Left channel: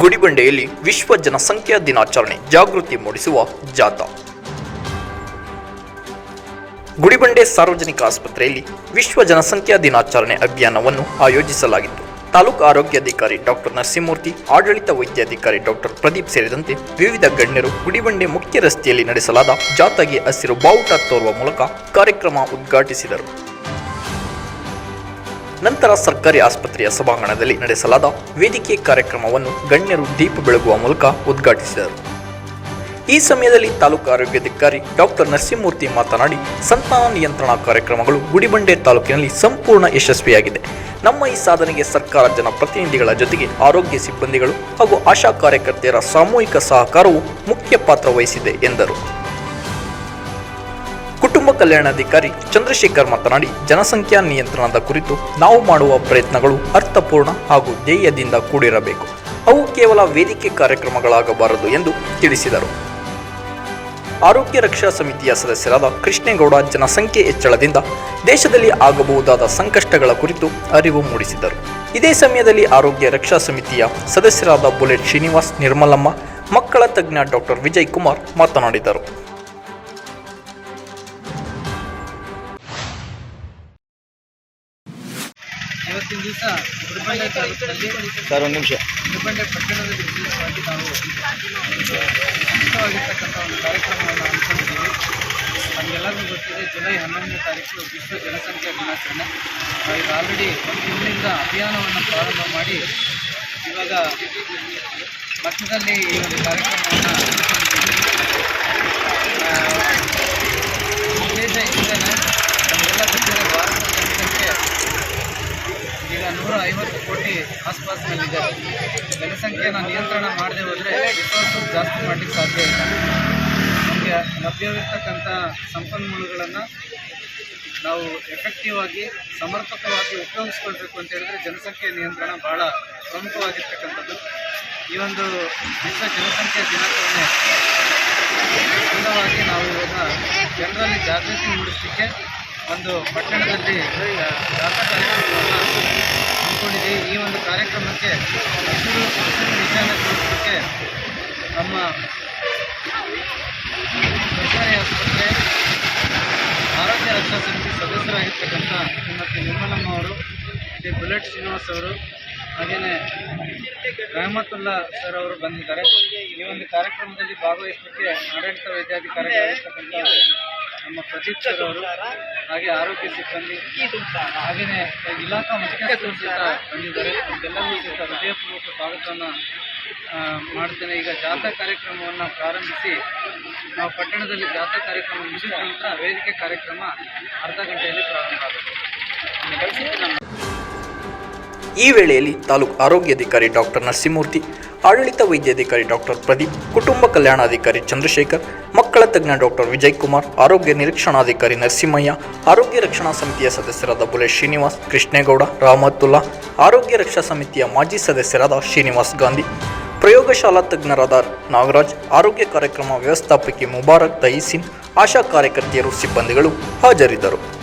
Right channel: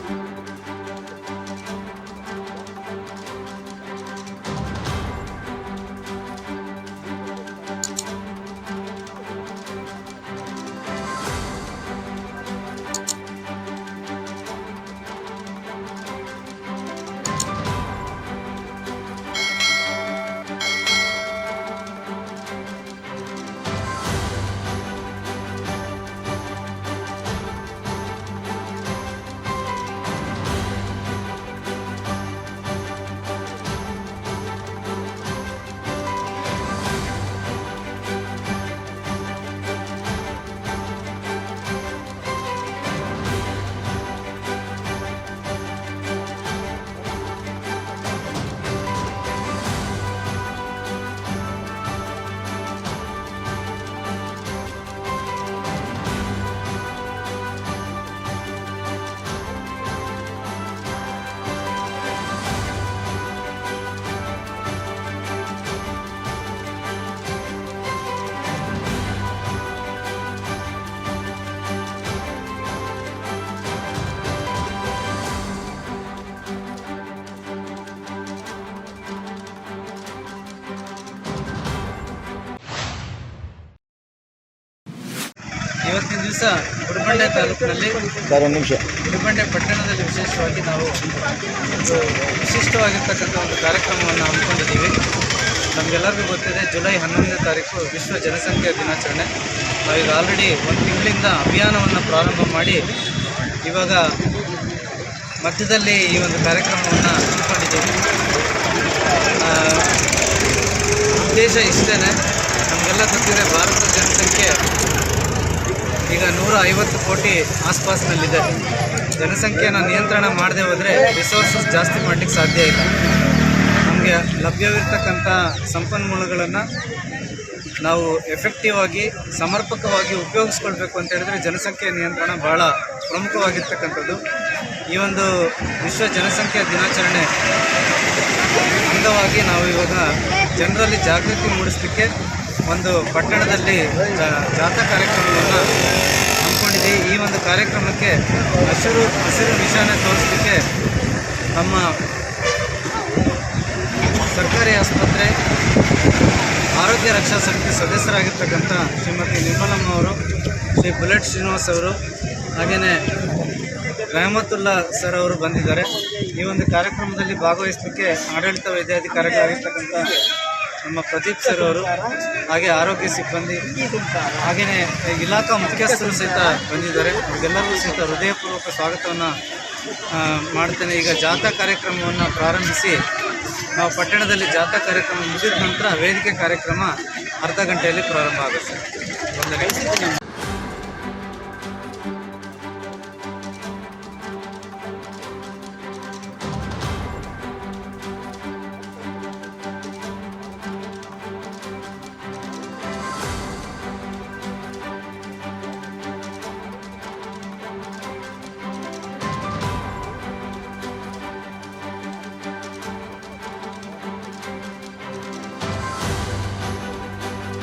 ಗುಡಿಬಂಡೆಯಲ್ಲಿ ವಿಶ್ವ ಜನಸಂಖ್ಯಾ ದಿನಾಚರಣೆ ಜಾಗೃತಿ ಮೂಡಿಸುವ ಜಾಥಾ. ಗುಡಿಬಂಡೆ ಸಾರ್ವಜನಿಕ ಆಸ್ಪತ್ರೆಯಲ್ಲಿ ವಿಶ್ವ ಜನಸಂಖ್ಯಾ ದಿನಾಚರಣೆ ಅಭಿಯಾನವನ್ನು ಆಯೋಜಿಸಲಾಗಿತ್ತು. ತಾಲೂಕು ಆರೋಗ್ಯಾಧಿಕಾರಿ ಡಾಕ್ಟರ್ ನರಸಿಂಹಮೂರ್ತಿ, ಆಡಳಿತ ವೈದ್ಯಾಧಿಕಾರಿ ಡಾಕ್ಟರ್ ಪ್ರದೀಪ್ ಸೇರಿದಂತೆ ವಿವಿಧ ಗಣ್ಯರು ಗುಡಿಬಂಡೆ ಮುಖ್ಯ ರಸ್ತೆಯಲ್ಲಿ ನಡೆಸಲಾದ ಜಾಥಾಗೆ ಹಸಿರು ಬಾವುಟ ತೋರುವ ಮೂಲಕ ಕಾರ್ಯಕ್ರಮ ಉದ್ಘಾಟಿಸಿದರು. ನಂತರ ಸರ್ಕಾರಿ ಆಸ್ಪತ್ರೆಯ ಸಭಾಂಗಣದಲ್ಲಿ ನಡೆಸಲಾದ ವೇದಿಕೆ ಕಾರ್ಯಕ್ರಮವನ್ನು ಗಣ್ಯರು ದೀಪ ಬೆಳಗುವ ಮೂಲಕ ಉದ್ಘಾಟಿಸಿದರು. ಈ ಸಮಯದಲ್ಲಿ ತಾಲೂಕು ಆರೋಗ್ಯಾಧಿಕಾರಿ ಡಾಕ್ಟರ್ ನರಸಿಂಹಮೂರ್ತಿ ಮಾತನಾಡಿ, ಸಂತಾನ ನಿಯಂತ್ರಣ ಕಾರ್ಯಕ್ರಮಗಳು ಗುಡಿಬಂಡೆ ತಾಲೂಕಿನಲ್ಲಿ ಸಂಪೂರ್ಣ ಯಶಸ್ವಿಯಾಗಿದೆ. ನಮ್ಮ ಈ ಸಾಧನೆಗೆ ಸರ್ಕಾರ, ಜನಪ್ರತಿನಿಧಿಗಳ ಜೊತೆಗೆ ಆರೋಗ್ಯ ಸಿಬ್ಬಂದಿಗಳು ಹಾಗೂ ಆಶಾ ಕಾರ್ಯಕರ್ತೆಯರ ಸಾಮೂಹಿಕ ಸಹಕಾರವು ಮುಖ್ಯ ಪಾತ್ರ ವಹಿಸಿದೆ ಎಂದರು. ಕುಟುಂಬ ಕಲ್ಯಾಣಾಧಿಕಾರಿ ಚಂದ್ರಶೇಖರ್ ಮಾತನಾಡಿ, ಜನಸಂಖ್ಯಾ ನಿಯಂತ್ರಣದ ಕುರಿತು ನಾವು ಮಾಡುವ ಪ್ರಯತ್ನಗಳು ಅರ್ಥಪೂರ್ಣ ಹಾಗೂ ಧ್ಯೇಯದಿಂದ ಕೂಡಿರಬೇಕು. ಅವು ಕೇವಲ ವೇದಿಕೆ ಕಾರ್ಯಕ್ರಮಗಳಾಗಬಾರದು ಎಂದು ತಿಳಿಸಿದರು. ಆರೋಗ್ಯ ರಕ್ಷಾ ಸಮಿತಿಯ ಸದಸ್ಯರಾದ ಕೃಷ್ಣೇಗೌಡ ಜನಸಂಖ್ಯೆ ಹೆಚ್ಚಳದಿಂದ ದೇಶದಲ್ಲಿ ಆಗಬಹುದಾದ ಸಂಕಷ್ಟಗಳ ಕುರಿತು ಅರಿವು ಮೂಡಿಸಿದರು. ಇದೇ ಸಮಯದಲ್ಲಿ ಆರೋಗ್ಯ ರಕ್ಷಾ ಸಮಿತಿಯ ಸದಸ್ಯರಾದ ಬುಲೆಟ್ ಶ್ರೀನಿವಾಸ್ ನಿರ್ಮಲಮ್ಮ, ಮಕ್ಕಳ ತಜ್ಞ ಡಾಕ್ಟರ್ ವಿಜಯ್ ಕುಮಾರ್ ಮಾತನಾಡಿದರು. ಇವತ್ತಿನ ದಿವಸ ಗುಡಿಬಂಡೆ ತಾಲೂಕಿನಲ್ಲಿ ಸರ್ ಒಂದು ನಿಮಿಷ. ಗುಡಿಬಂಡೆ ಪಟ್ಟಣದಲ್ಲಿ ವಿಶೇಷವಾಗಿ ನಾವು ಒಂದು ವಿಶಿಷ್ಟವಾಗಿರ್ತಕ್ಕಂಥ ಒಂದು ಕಾರ್ಯಕ್ರಮವನ್ನು ಹಮ್ಮಿಕೊಂಡಿದ್ದೀವಿ. ನಮಗೆಲ್ಲರಿಗೂ ಗೊತ್ತಿದೆ ಜುಲೈ ಹನ್ನೊಂದನೇ ತಾರೀಕು ವಿಶ್ವ ಜನಸಂಖ್ಯಾ ದಿನಾಚರಣೆ. ನಾವೀಗ ಆಲ್ರೆಡಿ ಒಂದು ತಿಂಗಳಿಂದ ಅಭಿಯಾನವನ್ನು ಪ್ರಾರಂಭ ಮಾಡಿ ಇವಾಗ ಮಧ್ಯದಲ್ಲಿ ಈ ಒಂದು ಕಾರ್ಯಕ್ರಮವನ್ನು ಹಮ್ಮಿಕೊಂಡಿದ್ದೀವಿ. ಉದ್ದೇಶ ಇಷ್ಟೇ ನಮಗೆಲ್ಲ ಗೊತ್ತಿದೆ ಭಾರತದ ಜನಸಂಖ್ಯೆ ಈಗ ನೂರ ಐವತ್ತು ಕೋಟಿ ಆಸ್ಪಾಸ್ನಲ್ಲಿದೆ. ಜನಸಂಖ್ಯೆಯನ್ನು ನಿಯಂತ್ರಣ ಮಾಡದೆ ಹೋದರೆ ರಿಸೋರ್ಸಸ್ ಜಾಸ್ತಿ ಮಾಡಲಿಕ್ಕೆ ಸಾಧ್ಯ ಇಲ್ಲ. ನಮಗೆ ಲಭ್ಯವಿರ್ತಕ್ಕಂಥ ಸಂಪನ್ಮೂಲಗಳನ್ನು ನಾವು ಎಫೆಕ್ಟಿವ್ ಆಗಿ, ಸಮರ್ಪಕವಾಗಿ ಉಪಯೋಗಿಸ್ಕೊಳ್ಬೇಕು ಅಂತ ಹೇಳಿದರೆ ಜನಸಂಖ್ಯೆ ನಿಯಂತ್ರಣ ಬಹಳ ಪ್ರಮುಖವಾಗಿರ್ತಕ್ಕಂಥದ್ದು. ಈ ಒಂದು ವಿಶ್ವ ಜನಸಂಖ್ಯಾ ದಿನಾಚರಣೆ ಅಂಗವಾಗಿ ನಾವು ಇವಾಗ ಜನರಲ್ಲಿ ಜಾಗೃತಿ ಮೂಡಿಸಲಿಕ್ಕೆ ಒಂದು ಪಟ್ಟಣದಲ್ಲಿ ಜಾಥಾ ಕಾರ್ಯಕ್ರಮವನ್ನು ಹಮ್ಮಿಕೊಂಡಿದ್ದೀವಿ. ಈ ಒಂದು ಕಾರ್ಯಕ್ರಮಕ್ಕೆ ಹಸಿರು ಹಸಿರು ನಿಶಾನೆ ತೋರಿಸಲಿಕ್ಕೆ ನಮ್ಮ ಸರ್ಕಾರಿ ಆಸ್ಪತ್ರೆ, ಆರೋಗ್ಯ ರಕ್ಷಾ ಸಮಿತಿ ಸದಸ್ಯರಾಗಿರ್ತಕ್ಕಂಥ ಶ್ರೀಮತಿ ನಿರ್ಮಲಮ್ಮ ಅವರು, ಶ್ರೀ ಬುಲೆಟ್ ಶ್ರೀನಿವಾಸ್ ಅವರು ಹಾಗೆಯೇ ರಹಮತ್ತುಲ್ಲಾ ಸರ್ ಅವರು ಬಂದಿದ್ದಾರೆ. ಈ ಒಂದು ಕಾರ್ಯಕ್ರಮದಲ್ಲಿ ಭಾಗವಹಿಸಲಿಕ್ಕೆ ಆಡಳಿತ ವೈದ್ಯಾಧಿಕಾರಿಗಳಾಗಿರ್ತಕ್ಕಂಥ ನಮ್ಮ ಪ್ರದೀಪ್ ಸರ್ ಅವರು, ಹಾಗೆ ಆರೋಗ್ಯ ಸಿಬ್ಬಂದಿ ಹಾಗೆಯೇ ಇಲಾಖಾ ಮುಖ್ಯಸ್ಥರು ಸಹಿತ ಬಂದಿದ್ದಾರೆ. ಇದೆಲ್ಲರಿಗೂ ಸಹಿತ ಹೃದಯಪೂರ್ವಕ ಸ್ವಾಗತವನ್ನು ಮಾಡ್ತೇನೆ. ಈಗ ಜಾಥಾ ಕಾರ್ಯಕ್ರಮವನ್ನು ಪ್ರಾರಂಭಿಸಿ, ನಾವು ಪಟ್ಟಣದಲ್ಲಿ ಜಾಥಾ ಕಾರ್ಯಕ್ರಮ ಮುಗಿದ ನಂತರ ವೇದಿಕೆ ಕಾರ್ಯಕ್ರಮ ಅರ್ಧ ಗಂಟೆಯಲ್ಲಿ ಪ್ರಾರಂಭ ಆಗುತ್ತೆ. ಈ ವೇಳೆಯಲ್ಲಿ ತಾಲೂಕು ಆರೋಗ್ಯಾಧಿಕಾರಿ ಡಾಕ್ಟರ್ ನರಸಿಂಹಮೂರ್ತಿ, ಆಡಳಿತ ವೈದ್ಯಾಧಿಕಾರಿ ಡಾಕ್ಟರ್ ಪ್ರದೀಪ್, ಕುಟುಂಬ ಕಲ್ಯಾಣಾಧಿಕಾರಿ ಚಂದ್ರಶೇಖರ್, ಮಕ್ಕಳ ತಜ್ಞ ಡಾಕ್ಟರ್ ವಿಜಯ್ ಕುಮಾರ್ ಆರೋಗ್ಯ ನಿರೀಕ್ಷಣಾಧಿಕಾರಿ ನರಸಿಂಹಯ್ಯ, ಆರೋಗ್ಯ ರಕ್ಷಣಾ ಸಮಿತಿಯ ಸದಸ್ಯರಾದ ಬುಲೆ ಶ್ರೀನಿವಾಸ್, ಕೃಷ್ಣೇಗೌಡ ರಾಮತುಲ್ಲಾ ಆರೋಗ್ಯ ರಕ್ಷಾ ಸಮಿತಿಯ ಮಾಜಿ ಸದಸ್ಯರಾದ ಶ್ರೀನಿವಾಸ್ ಗಾಂಧಿ, ಪ್ರಯೋಗಶಾಲಾ ತಜ್ಞರಾದ ನಾಗರಾಜ್, ಆರೋಗ್ಯ ಕಾರ್ಯಕ್ರಮ ವ್ಯವಸ್ಥಾಪಕಿ ಮುಬಾರಕ್ ತಯಿಸಿನ್ ಆಶಾ ಕಾರ್ಯಕರ್ತೆಯರು, ಸಿಬ್ಬಂದಿಗಳು ಹಾಜರಿದ್ದರು.